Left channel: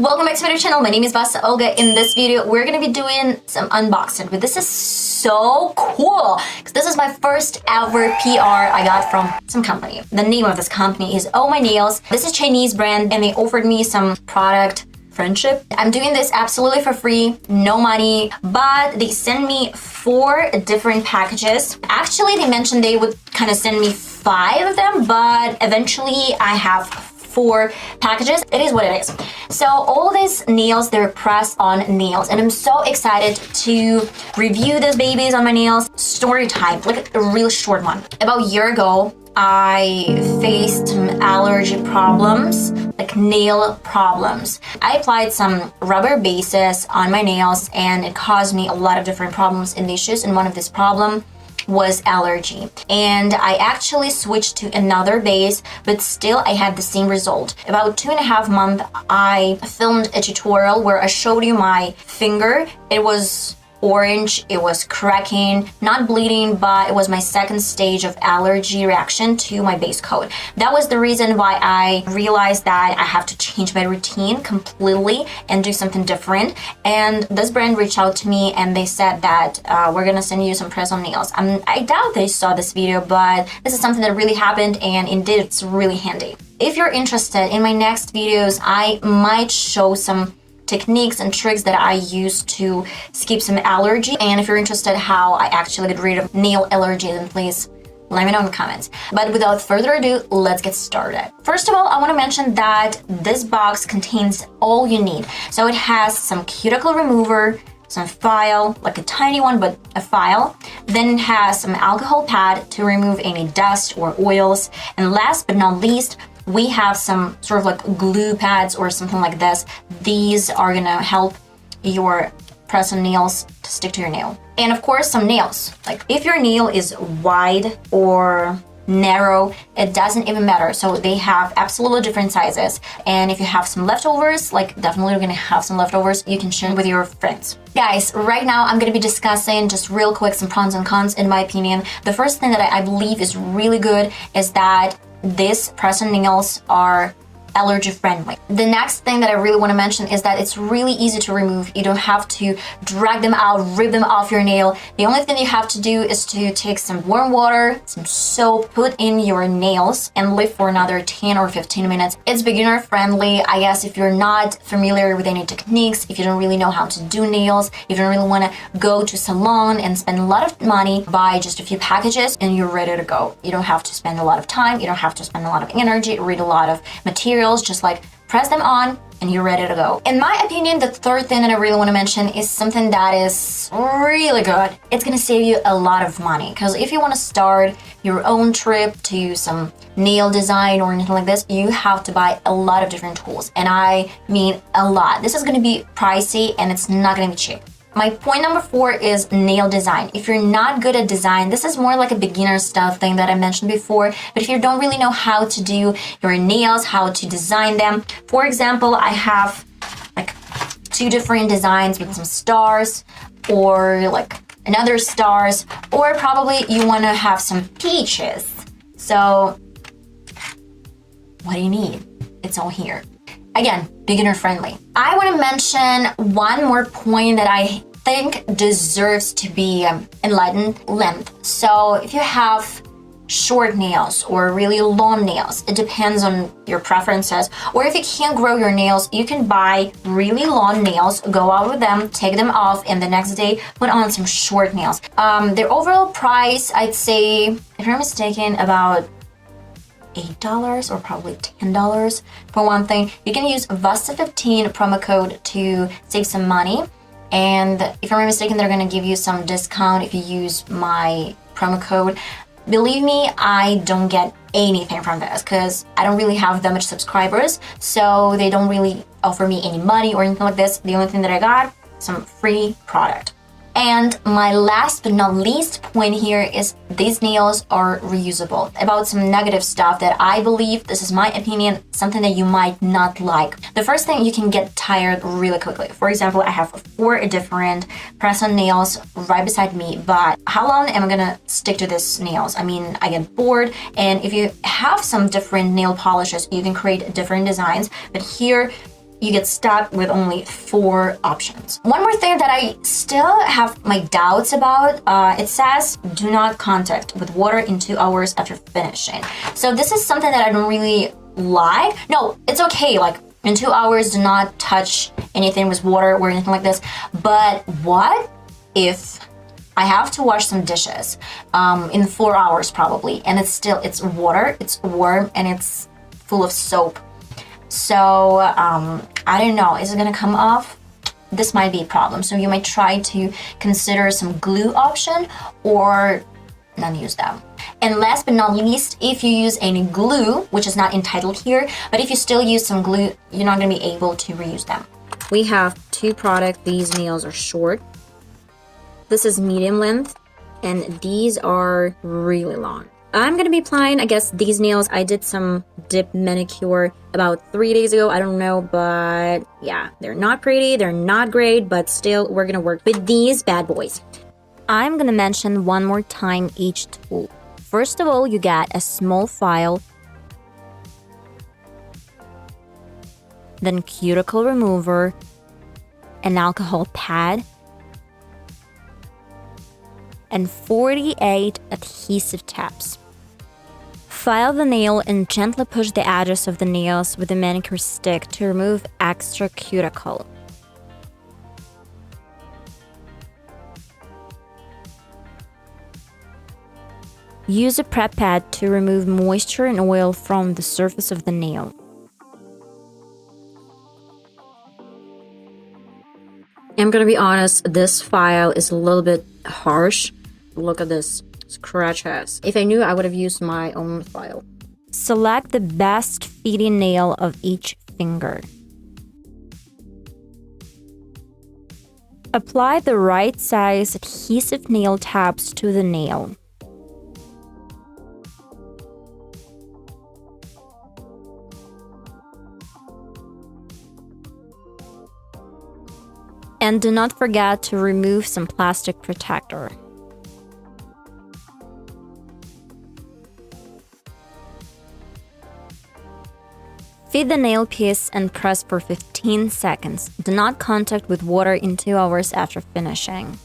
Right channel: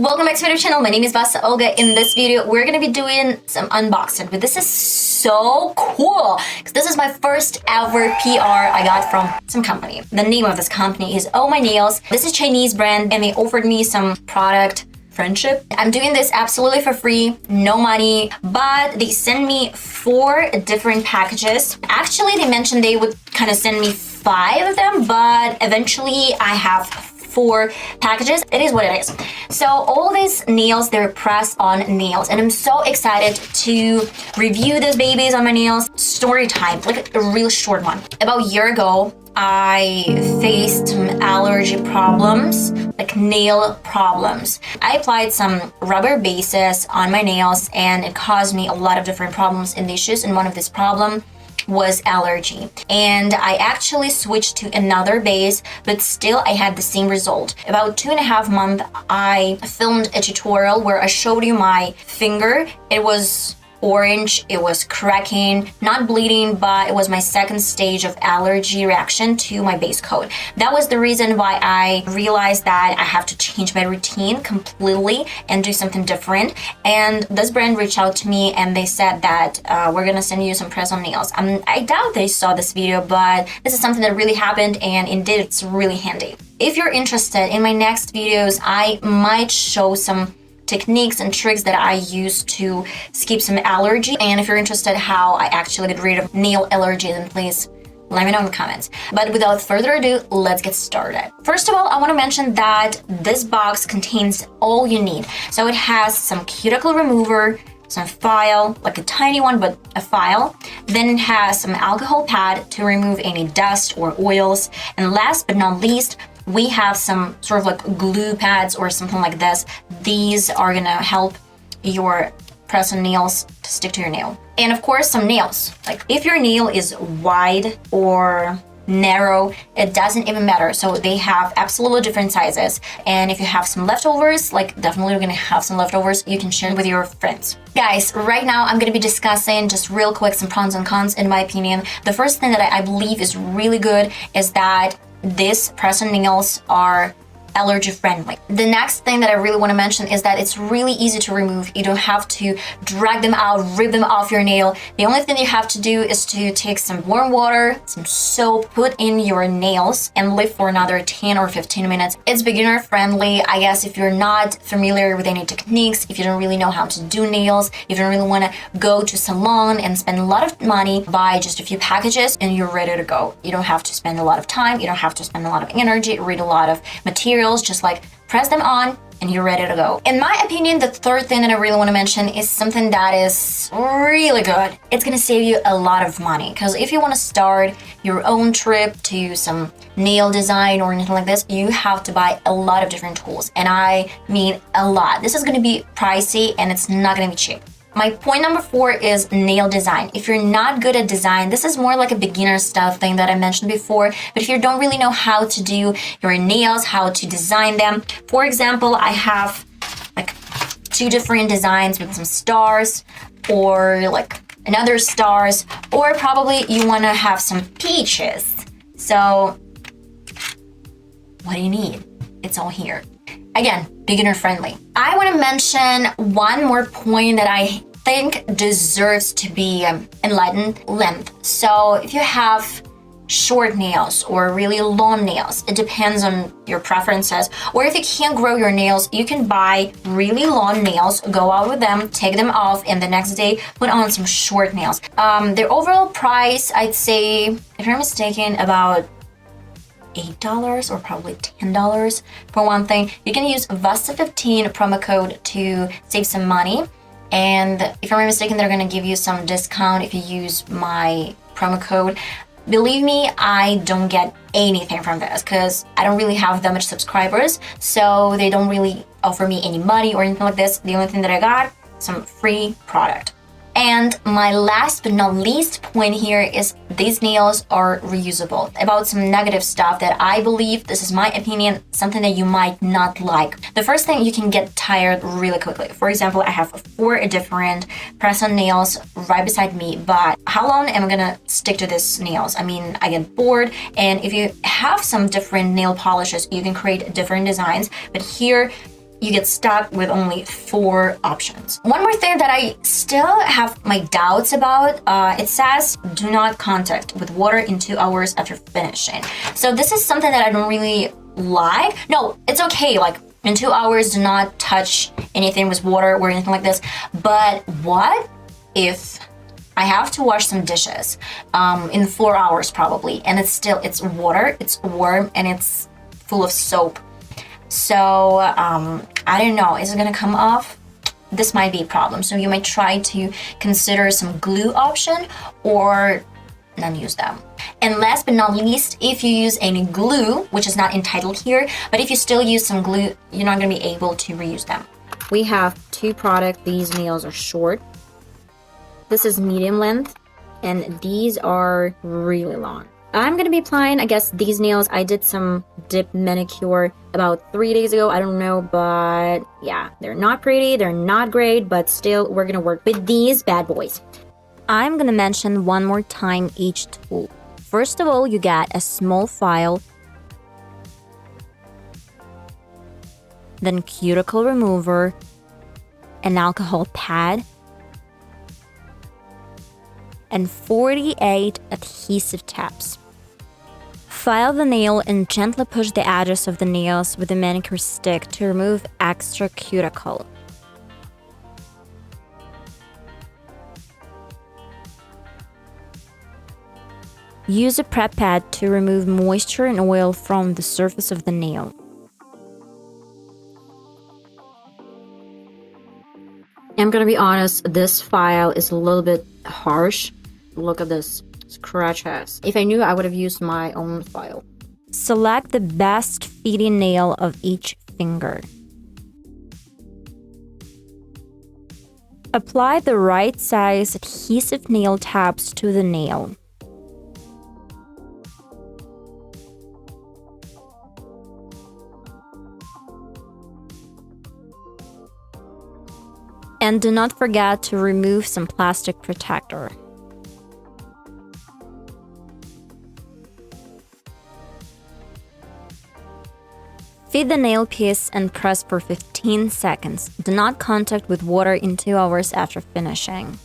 Welcome back to my channel. My name is VassaOlga. In this video, we're gonna be doing some unboxing, but this is so cool because this is my first ever PR I got from some company. The name of this company is OOMYNAILS. This is a Chinese brand and they offered me some product friendship. I'm doing this absolutely for free, no money, but they sent me 4 different packages. Actually, they mentioned they would kind of send me 5 of them, but eventually I have 4 packages. It is what it is. So all these nails, they're press-on nails, and I'm so excited to review these babies on my nails. Story time, like a real short one. About a year ago, I faced some allergy problems, like nail problems. I applied some rubber bases on my nails and it caused me a lot of different problems and issues, and one of these problems was allergy, and I actually switched to another base, but still I had the same result. About 2.5 months I filmed a tutorial where I showed you my finger. It was orange, it was cracking, not bleeding, but it was my second stage of allergy reaction to my base coat. That was the reason why I realized that I have to change my routine completely and do something different. And this brand reached out to me and they said that we're gonna send you some press-on nails. I doubt they saw this video, but this is something that really happened, and indeed it's really handy. If you're interested in my next videos, I might show some techniques and tricks that I use to skip some allergy. And if you're interested how I actually get rid of nail allergy, then please let me know in the comments. But without further ado, let's get started. First of all, I want to mention that this box contains all you need. So it has some cuticle remover, some file, like a tiny one, but a file. Then it has some alcohol pad to remove any dust or oils. And last but not least, we have some sort of like glue pads or something like this. These are gonna help your press-on nails to stick to your nail. And of course, some nails. Like if your nail is wide or narrow, it doesn't even matter. So they have absolutely different sizes. And if you have some leftovers, like definitely you're gonna have some leftovers, you can share with your friends. Guys, right now I'm gonna be discussing just real quick some pros and cons in my opinion. The first thing that I believe is really good is that these press-on nails are allergy friendly. The next thing that I really want to mention is that it's really easy to remove. You don't have to drag them out, rip them off your nail. The only thing you have to do is to take some warm water, some soap, put in your nails and leave for another 10 or 15 minutes. It's beginner friendly. I guess if you're not familiar with any techniques, if you don't really know how to do nails, if you don't really want to go to salon and spend a lot of money, buy just a few packages and you're ready to go. You don't have to spend a lot of time, you don't have to spend a lot of energy, read a lot of material. Just like press them on and you're ready to go. In my opinion, the third thing that I really want to mention is something that is really good. It's gonna save you a lot of money, because if you want to start your own trip to some nail design or anything like this, you have to buy a lot of different tools, and I mean a lot. This is gonna be pricey and it's not gonna be cheap. My point number 4 is nail design. If you're not good at design, this is more like a beginner style thing that I mentioned before, but if you don't really know how to do your nails, how to design them. For example, I have like 2 different designs with some stars or like another stars, or probably you want to have some peaches. So what do you need? It's all here. Again, beginner friendly. I want to mention one more point that I think deserves to be enlightened: length. So if you have short nails or really long nails, it depends on your preferences. Or if you can't grow your nails, you can buy really long nails, go out with them, take them off, and the next day put on some short nails. Their overall price, I'd say, if I'm not mistaken, about $8 or probably $10 for one thing. You can use VASSA15 promo code to save some money, and if I'm not mistaken, they're gonna give you some discount if you use my promo code. Believe me, I don't get anything from this because I don't really have that much subscribers, so they don't really offer me any money or anything like this. The only thing that I got, some free product. And my last but not least point here is these nails are reusable. About some negative stuff that I believe, this is my opinion, something that you might not like. The first thing, you can get tired really quickly. For example, I have 4 different press-on nails right beside me, but how long am I gonna stick to these nails? I mean, I get bored, and if you have some different nail polishes, you can create different designs, but here you get stuck with only 4 options. One more thing that I still have my doubts about, it says do not contact with water in 2 hours after finishing. So this is something that I don't really like. No, it's okay, like in 2 hours do not touch anything with water or anything like this. But what if I have to wash some dishes in 4 hours probably, and it's water, it's warm, and it's full of soap. So I don't know, is it gonna come off? This might be a problem. So you might try to consider some glue option or not use them. And last but not least, if you use any glue, which is not entitled here, but if you still use some glue, you're not gonna be able to reuse them. We have 2 products. These nails are short. This is medium length, and these are really long. I'm gonna be applying, I guess, these nails. I did some dip manicure about 3 days ago, I don't know, but yeah, they're not pretty, they're not great, but still, we're gonna work with these bad boys. I'm gonna mention one more time each tool. First of all, you get a small file, then cuticle remover, an alcohol pad, and 48 adhesive tabs. File the nail and gently push the edges of the nails with a manicure stick to remove extra cuticle. Use a prep pad to remove moisture and oil from the surface of the nail. I'm gonna be honest, this file is a little bit harsh. Look at this scratches. If I knew, I would have used my own file. Select the best fitting nail of each finger. Apply the right size adhesive nail tabs to the nail. And do not forget to remove some plastic protector. Feed the nail piece and press for 15 seconds. Do not contact with water in 2 hours after finishing.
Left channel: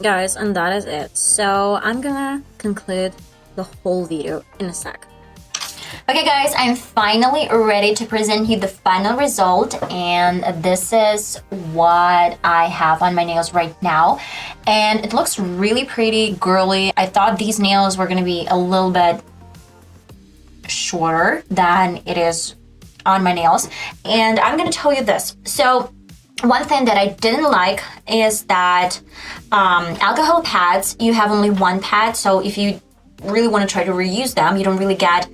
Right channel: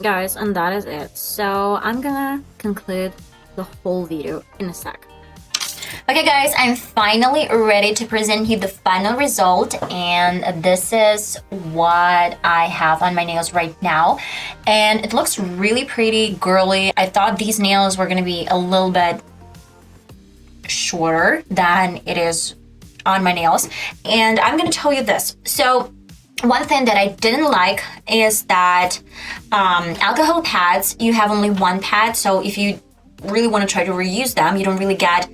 Guys, and that is it. So I'm gonna conclude the whole video in a sec. Okay guys, I'm finally ready to present you the final result, and this is what I have on my nails right now, and it looks really pretty girly. I thought these nails were gonna be a little bit shorter than it is on my nails, and I'm gonna tell you this. So one thing that I didn't like is that alcohol pads, you have only 1 pad, so if you really want to try to reuse them, you don't really get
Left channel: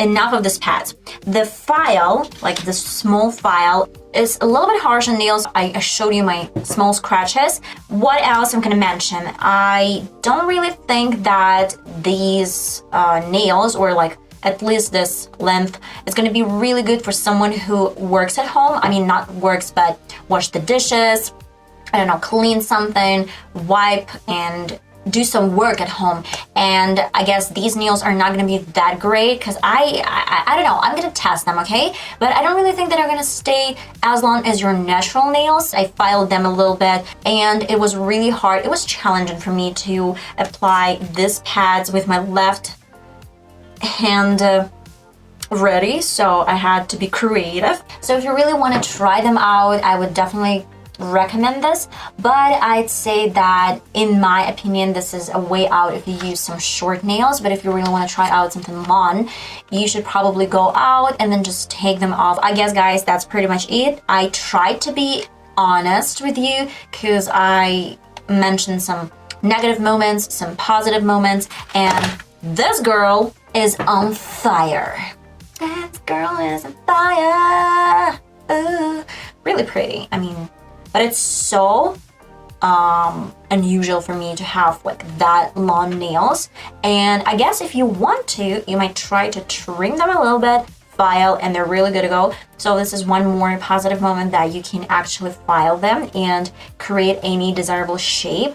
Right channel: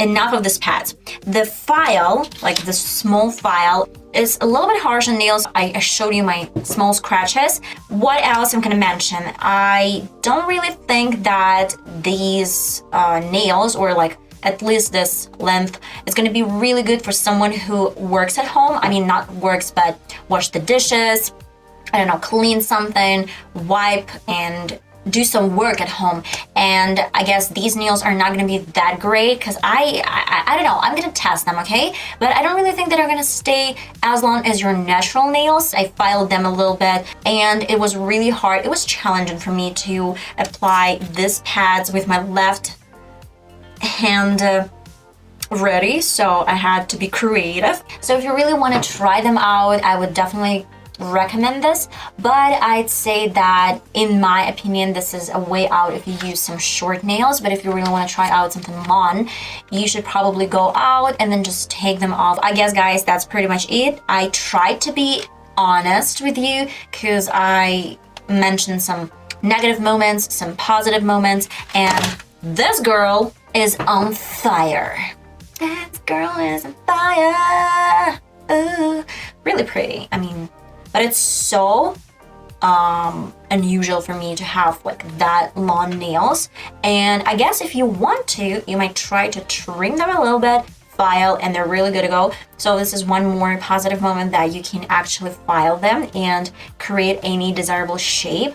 enough of this pad. The file, like this small file, is a little bit harsh on nails. I showed you my small scratches. What else I'm gonna mention? I don't really think that these nails, or like at least this length, is gonna be really good for someone who works at home. I mean, not works, but wash the dishes, I don't know, clean something, wipe, and do some work at home. And I guess these nails are not gonna be that great because I don't know, I'm gonna test them, okay? But I don't really think that they're gonna stay as long as your natural nails. I filed them a little bit and it was really hard. It was challenging for me to apply these pads with my left hand ready, so I had to be creative. So if you really want to try them out, I would definitely recommend this, but I'd say that in my opinion this is a way out if you use some short nails. But if you really want to try out something long, you should probably go out and then just take them off. I guess guys, that's pretty much it. I tried to be honest with you because I mentioned some negative moments, some positive moments, and this girl is on fire. That girl is on fire. Ooh. Really pretty, I mean, but it's so unusual for me to have like that long nails. And I guess if you want to, you might try to trim them a little bit, file, and they're really good to go. So this is one more positive moment that you can actually file them and create any desirable shape.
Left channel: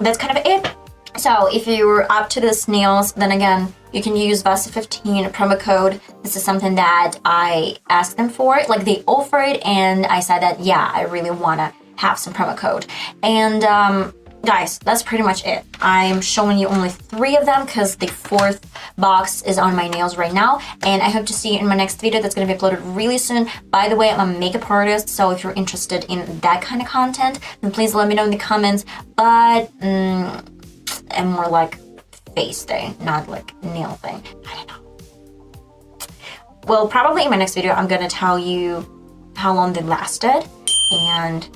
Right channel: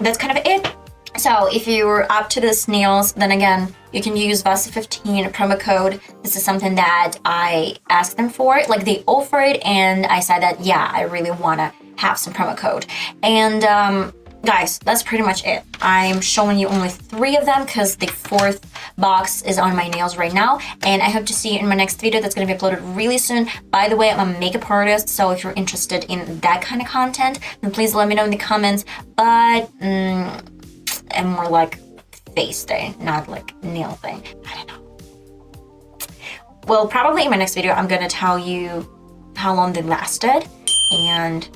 That's kind of it. So if you're up to these nails, then again, you can use Vassa15 promo code. This is something that I asked them for. Like, they offered, and I said that, yeah, I really want to have some promo code. And guys, that's pretty much it. I'm showing you only 3 of them because the 4th box is on my nails right now, and I hope to see you in my next video that's going to be uploaded really soon. By the way, I'm a makeup artist, so if you're interested in that kind of content, then please let me know in the comments. But I'm more like face thing, not like nail thing. I don't know. Well, probably in my next video, I'm gonna tell you how long they lasted, and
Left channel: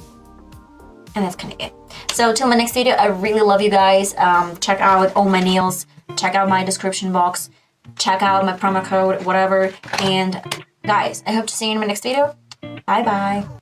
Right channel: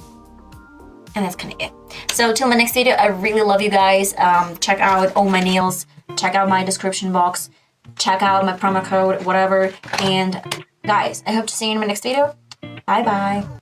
that's kind of it. So till my next video, I really love you guys. Check out all my nails, check out my description box, check out my promo code, whatever. And guys, I hope to see you in my next video. Bye bye.